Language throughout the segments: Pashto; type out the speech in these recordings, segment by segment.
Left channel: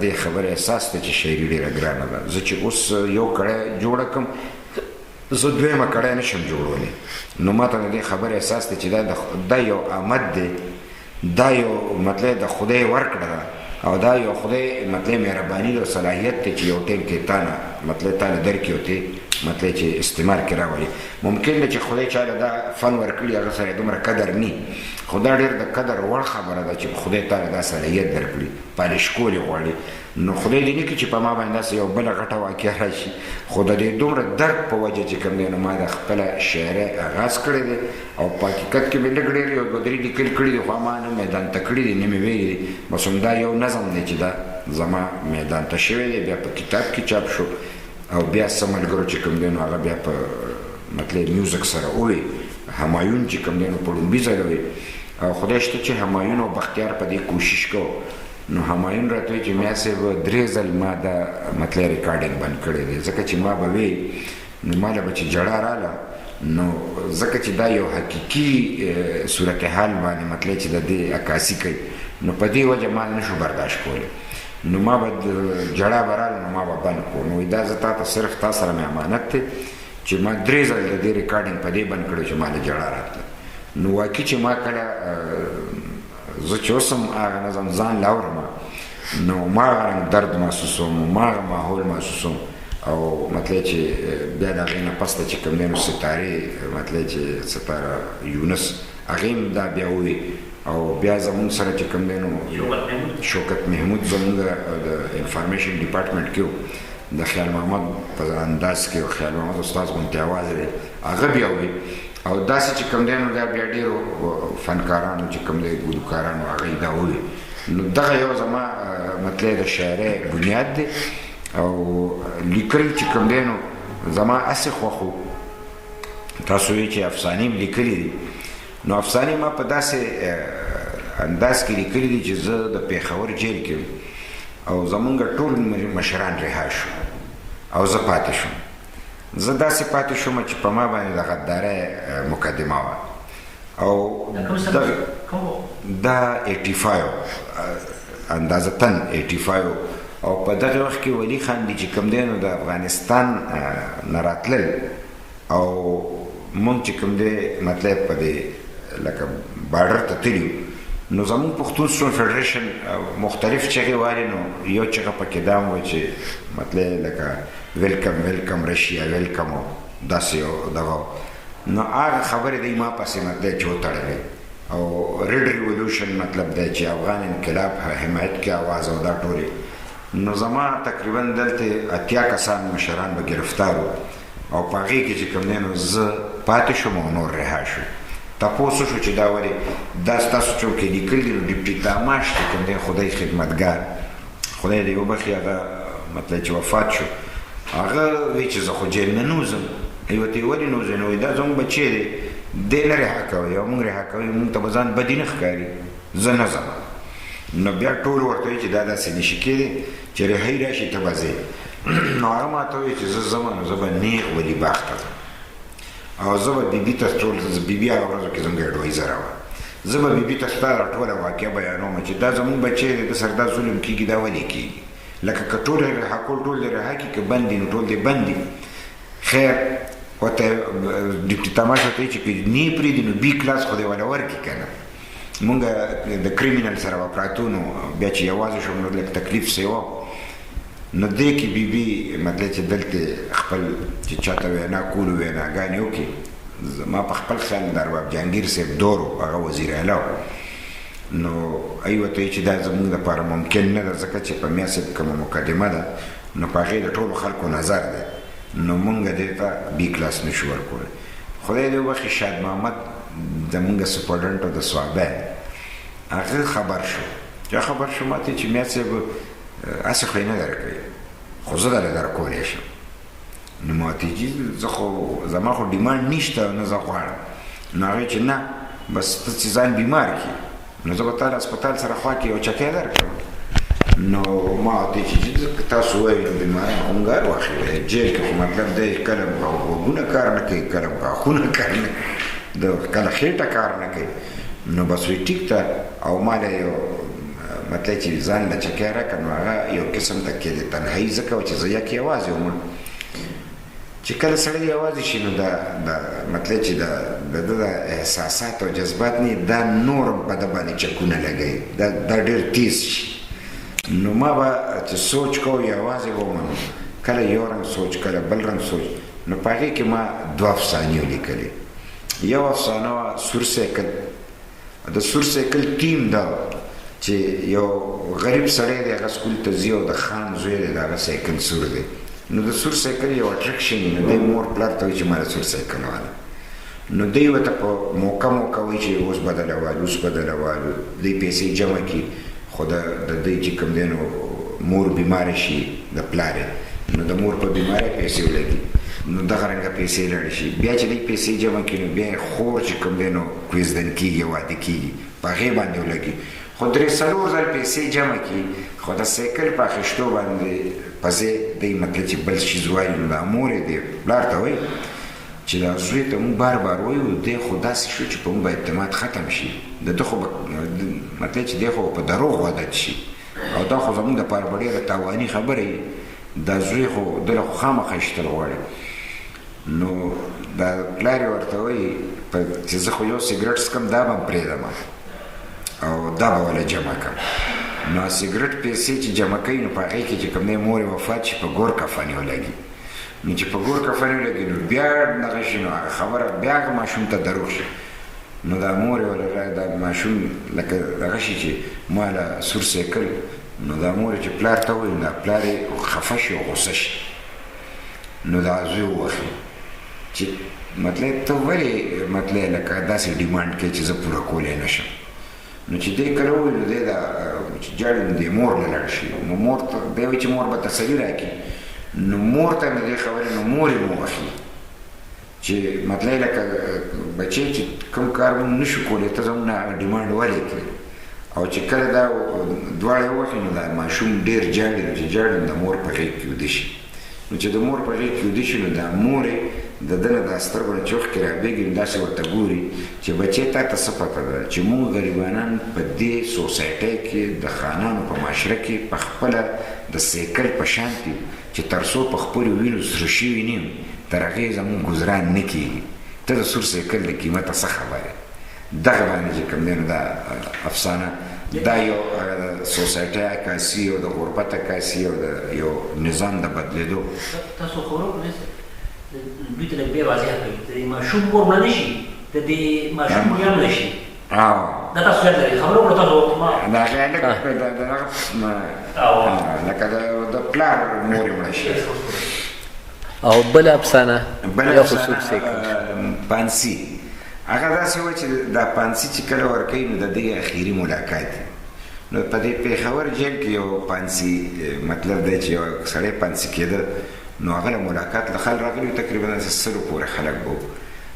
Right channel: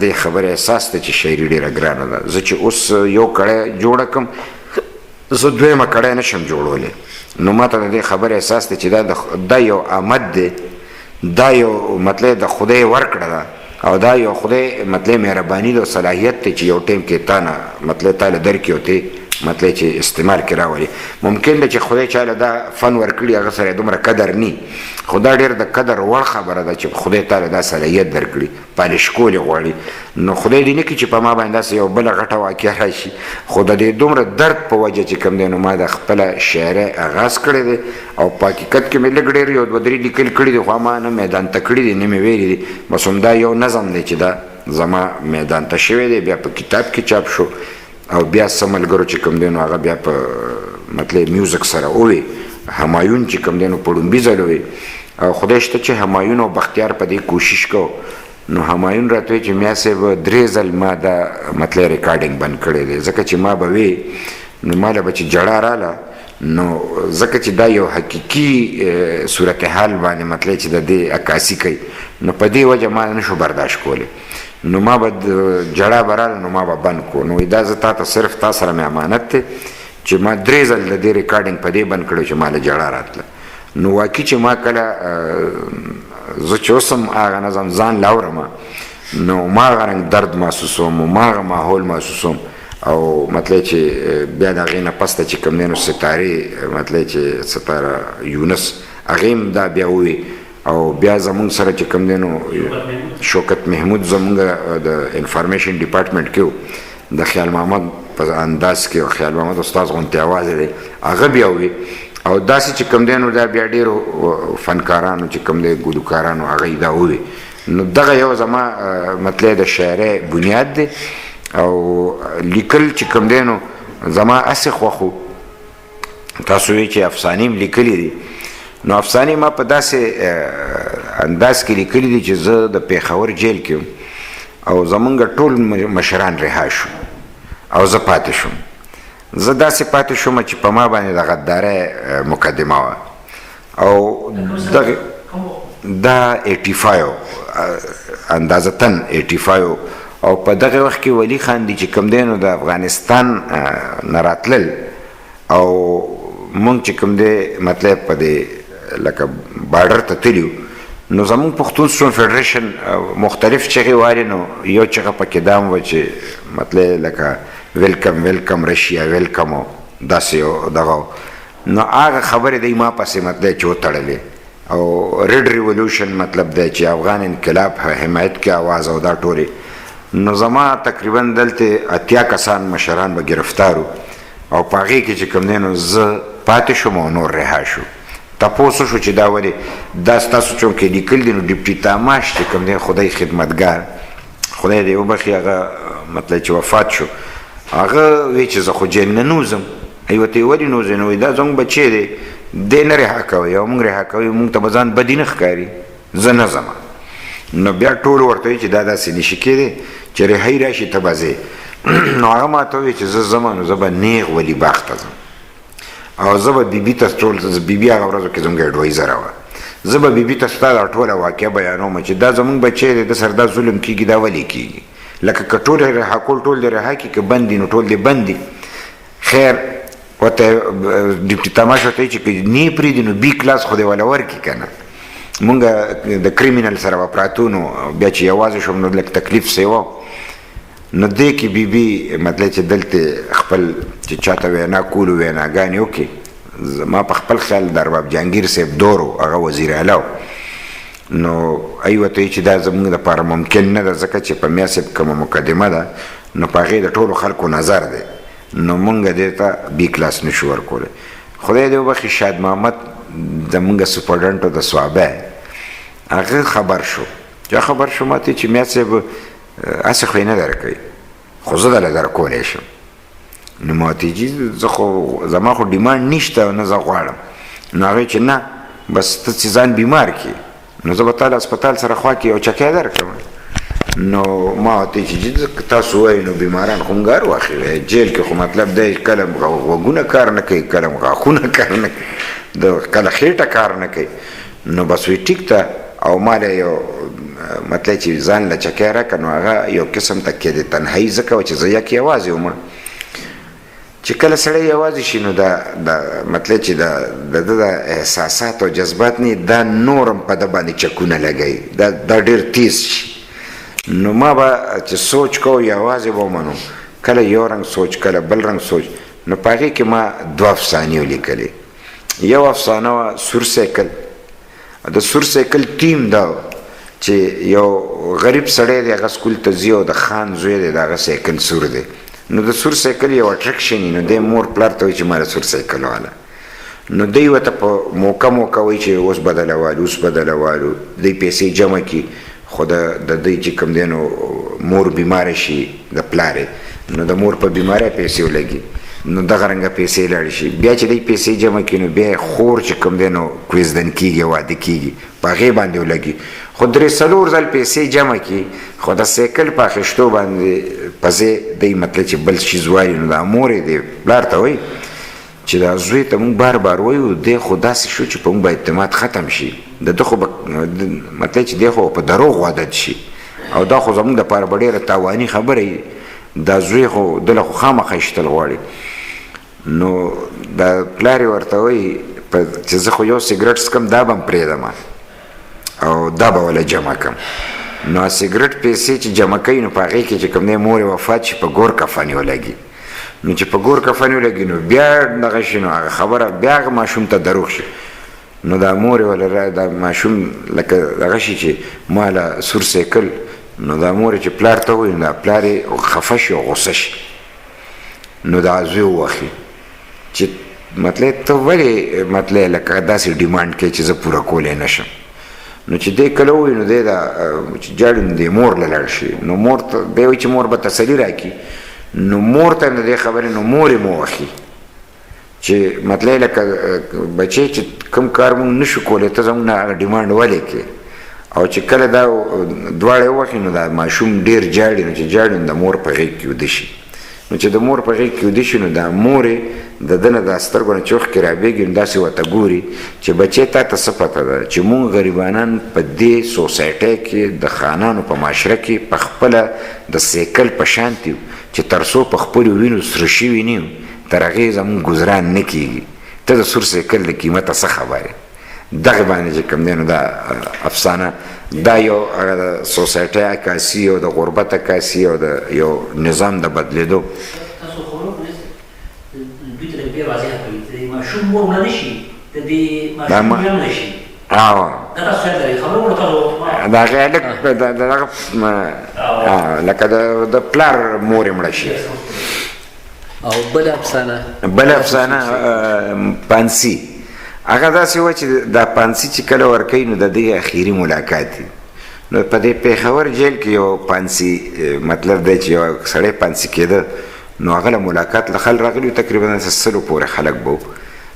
دې خبرې احساس دی چې شاعري ډېره ګرانه ده. زه چې اوس یو کړی جوړه کړم زه دویمه کړی نه شم جوړولی، نو ما ته د دې خبرې احساس دی چې دا یو آمد دی، دا یو مطلب د خدای ورکړه ده او دا یو خدای مطلب مهرباني ده او صلاحیت دی چې یو ټیم کې تا نه مطلب تا له درکړي او ته مطلب چې استعمال کې راولي. ممکن ده چې خدای چاله دا فن ورکړي هغه سره دومره قدر نی، خو دا ډېر د قدر وړ خبره ده چې خدای تا له دا صلاحیت درکړي، پالش کول یې غواړي. نو خدای دې نه کړي چې په ما باندې داسې یو بله غټه واقعه راشي، خو د دې دومره درد په وجه چې کوم دی نو ما د خپله شاعرۍ آغاز کړی دی او په حقیقت کې مې لږ ډېر یو دوه درې لیکل کړي دي، خو ما نه میدان ته کړي دي نه مې ویلي دي. بس همدا یو نظم دی چې دا زما میدان ته شوی دی، بیا په کتاب کې چاپ شو او بیا څه ملګرو چې کوم دی نو هغه بیا په مطلب میوزک سره ووی. همایون چې کوم دی نو په لومبي ځل وی او خدای شته چې همایون او بختیار په دې کوشش کو. نو همایون راته وی چې میا صاحب 3 ځل ما دا مطلب ریکارډینګ بند کړی دی، ځکه چې ما به وی نو ما له به چې جړه راله نو ځکه چې دا یو حقیقي صورتحال باندې مطلب چې د دې عکاسي کوي، نو په دې وجه ما نشو برداشت کولی. نو ما به جړه به راله نو ما به بند کو. نو دا زه تا ته صرف تا سره مې امانت دی چې ما 3 ځل د دې ریکارډینګ په دې بند کړی چې ما له جړه راتله. نو واقعي چې ما کله زه چې اوس هم هغه نظم ځان لاورم نو ما هغه رنګ درد محسوسوم، ما هغه ماحول محسوسوم او مطلب چې بیا د هغې نه پسته چې کوم دی نو ستارې مطلب چې ستاره یونس هغې هم دا بیا ووی او بیا زمونږ سره چې کوم دی نو شوکت محمود زمونږ د انفارمیشن ډپارټمنټ کې و، د خیال محمد په انداز کې او خیال محمد استاد غوندې اواز دی هغه بیا ووی او داسې چې کوم دی نو دا بیا ډېرو فنکارانو چې کوم دی ګلوکارانو هغه دا ووی. نو دغه یو زما مطلب د شاعرۍ بنیاد دی او لیکل چې کوم دی نو زما هسې خوښ و. تاسو وایئ چې افسانې م لیکلي دي، نو افسانې ما په داسې انداز کې لیکلي دي چې زه د پېښور جیل کې او زمونږ ټول مشران رها شو او زه پاتې شوم. زه داسې پاتې شوم چې په ما باندې د غدارۍ مقدمه وه او دا 85 اندازتن 85 او په دغه وخت کې ولی خان دی چې کوم دی نو د افغانستان نه راتلل او مونږ چې کوم دی مطلب په دې لکه بارډر ته تللي نو زمونږ پښتون سټوډنټ فیډریشن مختلف چغې والې نو یو چغه پکې دا هم وه چې مطلب لکه ویلکم ویلکم رشیا ویلکم او داسې یو دغه نو هغه خبرې دی ما پسې مطلب چې وتړلې او ریډ ریولوشن مطلب دی چې افغان انقلاب حمایت کې آواز او دا ټولې. نو زما تقریبا دلته 80 کسان مشران به گرفتارو او په هغې کې چې کوم دی نو زه پاتې شوم او نور رها شو. تپوس شو چې دا ولې دا ستاسو چوم کې لیکل دي نو ډیپټي تاماش چې کوم دی خدای خدمتګار خدای دې وبخي هغه مطلب چې وفات شو هغه وی چې زه خو جیل نه نوځم. ورته ولې نوځې نو دا زموږ بچی دی دی نه رها کوئ او موږ رها کوئ موږ ته به ځان بدي نه ښکاري زه نه ځم. نو بیا ټول ورته وایي چې دا داسې نشي کېدی چې رهایي راشي ته به ځې. نو هغه ما ته وایي چې زه ځم نو زه به نیغ ولي باغ ته ځم او زه به بیبي ته ټول بیبي هغه ورځو کې زموږ اډوایزره وه زه به بیبي ته ستا دا ټوله واقعه بیانوم چې دا زموږ بچی دی د سره دا ظلم کېږي دا ولې کېږي لکه که ټول یې رها کول ټول دې رها کړي که بند دي نو ټول دې بند دي. خیر ورته ډیپټي تماش ورته وایي چې که نه یې پرېږدي نو بي کلاس خو دې وله ورکړي که نه. مونږ د کریمینل سره به پراتو نو بیا چې یوازې شوم نو لږ تکلیف سی و نو دې کې بیبي مطلب چې دلته خپل چې چاته وینا کولو ویناګانې وکړي. زما په خپل خیال د ارباب جهانګیر صاحب دور و هغه وزیر اعلی و نو ای ورته وایي چې دا زموږ دپاره ممکن نه ده ځکه چې په میا صاحب کومه مقدمه ده نو په هغې د ټولو خلکو نظر دی نو مونږ دې ته بي کلاس نشو ورکولی. خدای دې وبخي شاد محمد زمونږ سپورټنټ د سوابی هغه خبر شو چې خبر شو ماته چې میا صاحب هسې خو یې نه درکوي خو زه دله درکولی شم. نو ما ورته جي زه خو زما خو ډیمانډ نشته او نه زه غواړم. نو هغې چې نه بس ته چې ځان بیمار کړي نو زه به تا له هسپتال سره خوا کې یو چکی درکړم. نو ما ورته چې تاسو وایئ نو بیماران خو مونږ هر وخت جیل کې خو مطلب دی کله غوږونه کار نه کوي کله غاښونه کار نه کوي کله خېټه کار نه کوي. نو بس وی ټیک ته او ما له یو مطلب چې ځان له چکی راکړه نو هغه یو قسم تکیه د تنهایي ځکه وه چې زه یک یوازې وم چې کله سړی یوازې شي نو دا مطلب چې د ده د احساسات او جذبات نه دا نور هم په ده باندې چکونه لګوي دا ډېر تیز شي نو ما به چې سوچ کوو یوازې به ومنو کله یو رنګ سوچ کله بل رنګ سوچ نو په هغې کې ما 2 افسانې ولیکلې یو افسانه وه سور سایکل د سور سایکل ټیم دا چې یو غریب سړی دی هغه سکول ته ځي او د خان زوی دی د هغه سایکل سور دی نو د سور سایکل یو اټرکشن وي نو دی مور پلار ته وایي چې ما د سور سایکل واله نو دی ورته په موقع وایي چې اوس بدله والو اوس بدله والو دی پیسې جمع کړي خو د دوی چې کوم دی نو مور بیماره شي د پلارې نو د مور په بیمارۍ پیسې ولګي نو دغه رنګه پیسې لاړې شي بیا چې دی پیسې جمع کړي نو بیا خور چې کوم دی نو کوزدن کېږي واده کېږي په هغې باندې ولګي خو 3-4 ځل پیسې جمع کړي خو د سایکل په اخیستو باندې په ځای دی مطلب چې بل څیز وایي نو دا مور یې دی پلار ته وایي چې دا زوی ته مونږ بار بار وایو دی خو داسې شو چې په مونږ به اعتماد ختم شي د ده خو مطلب چې دی خو په دروغ عادت شي او دا خو زمونږ دپاره به ډېره تاواني خبره وي دا زوی خو دله خو خامخا ایشتل غواړي نو دا پلار یې ورته وایي چې زه خو یو سګرټ څکم دا به م پرېږدم او دا به وله جمع کړم نو سګرټ پیسې چې جمع کوي نو په هغې کې چې کوم دی مور یې وفات شي په ګور کفن یې ولګي نو چې په ګور کفن یې ولګي نو بیا دغه شي نو هغه خبره بیا هغه ماشوم ته دروغ شي نو دا مور یې وله دا ماشوم لکه دغه شي چې ما له سور سایکل نو دا مور چې پلار ته وایي نو دا پلار یې خفه شي او غصه شي نو دا زوی ووخي چې مطلب ته ولې مطلب لکه داسې ډیمانډ کوي چې زه پوره کولی نه شم نو چې دی کله ووایي نو دی دا چې جاړي نو دی مور له لاړ شي نو مور ته دی وایي چې مور به تسلي راکړي نو مور ته د دې خبرې نو مور یې موخي چې مطلب لکه بچی چې کوم کار مونږ نه شو کولی ته زموږ نه هغه ډیمانډ ولې کوې او چې کله دا دواړه ووخي نو دا ماشوم ډېر جاړي نو چې جاړي نو د مور په غېږ کې ویده شي نو چې د مور په غېږ کې ویده شي نو دا مور یې د ده نه دا سترګو نه چې اوښکې رابېږي نو داسې ورته ګوري چې بچی تا ته څه پته ده چې مونږ غریبانان په دې سوسایټۍ کې د خانانو په معاشره کې په خپله د سایکل په شانتي چې تر څو په خپلو وینو سره شوي نه یو تر هغې زموږ ګزران نه کېږي ته د سور سایکل د قیمته څه خبرې دغه باندې چې کوم دی نو دا افسانه دا یو هغه د سوسایټۍ عکاسي او د غربت عکاسي او د یو نظام د بدلېدو تاسو خو دوی ته لږ ډېر واضح کوي چې د ماشوم مور مړه نه شي د دې ماشوم بیا مړه شي دا تاسو یاد لرئ خبرې وکړو تاسو د هغې لږ لکه د پلار مور یې مړه شي او بله افسانه پانسي هغه داسې وه چې دا پانسي چې کله ورکوي نو د دې اخري ملاقات دی نو په دې پېښور جیل کې یو پانسي مطلب دی چې یو سړی پانسي کېده نو هغه له ملاقات له خل راغلي تقریبا 100 پورې خلک به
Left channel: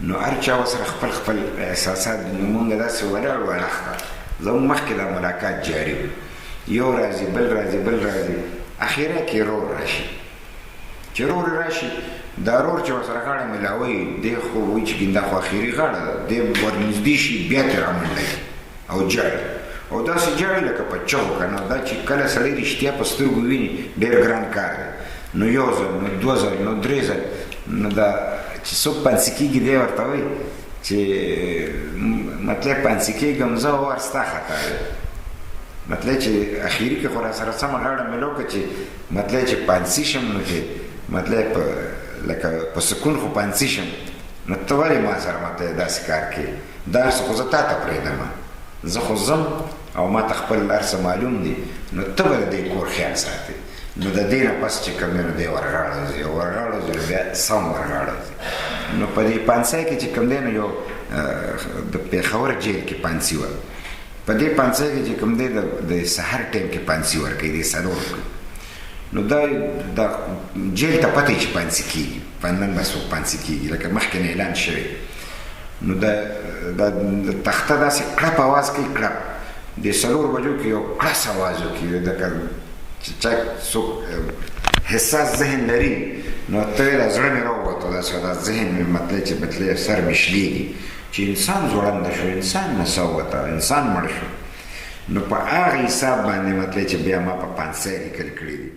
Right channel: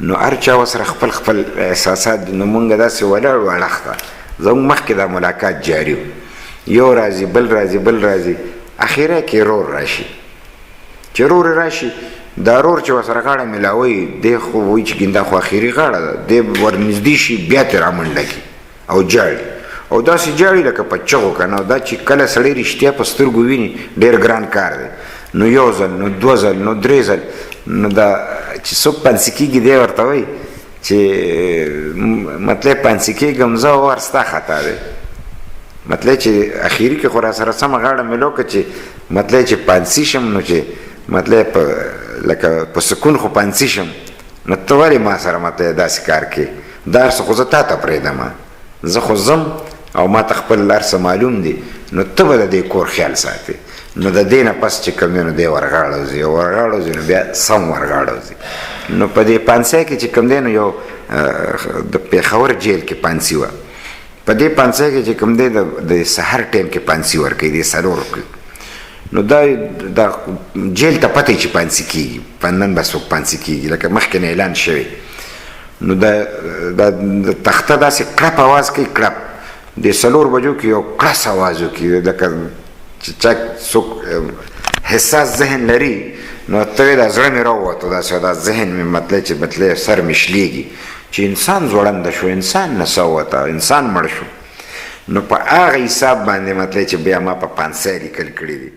نو هر چا ورسره خپل خپل احساسات دي نو مونږ داسې ولاړ وو اړخته زموږ مخکې دا ملاقات جاري و یو راځي بل راځي بل راځي اخیری کې رور راشي چې رور راشي دا رور چې ورسره غاړه میلاوي دی خو وایي چې ګیندا خو اخري غاړه ده دی ورنږدې شي بیا ترې رامنډه کړي او جاړي او داسې جاړي لکه په چغو که نه دا چې کله سړی رښتیا په سترګو ویني ډېر ګران کار دی نو یو ځل نو 2 ځل نو 3 ځل نو دا چې څوک پانسي کېږي دی ورته وایي چې مطلب پانسي کېږم زه ور ستا خطا دی مطلب چې اخري کې خو را سره سمه غاړه میلو که چې مطلب چې پانسي شم نو چې مطلب لکه په سکون خو پانسي شم نو ته ولې ما سره مطلب داسې کار کوې دا هر څه خو زه تا ته پرېږدم زه خو ځم او ما ته خپل هر څه معلوم دي نو ته به د دې کور خیال ساتې نو د دې نه پس چې کوم دی نو دی ورغاړه ځي ورغاړه ځي نو بیا سم ورغاړه ځي نو په دې پانسۍ کې چې کوم دی نو یو د پېښور جیل کې پانسي وه په دې پانسۍ کې چې کوم دی د سهار ټایم کې پانسي ورکوي د 4 نو دا جیل ته پته چې پانسي کېږي په نن به څوک پانسي کېږي لکه مخکې نه اعلان شوی نو د تخته داسې کړپ اواز کوي کړپ د 4 بجو کې یو کړس اواز وکړي لکه چې چا څوک حساس ذهن لري نو ته وایې دا زړه مې راووتو داسې دا ذهن مې مطلب چې مطلب سر مې شلېږي چې انسان ځوړنده شو انسان نڅا ووته انسان مړ شو نو په هغه حساب باندې مطلب چې بیا ما په 500 لیکل کړي دي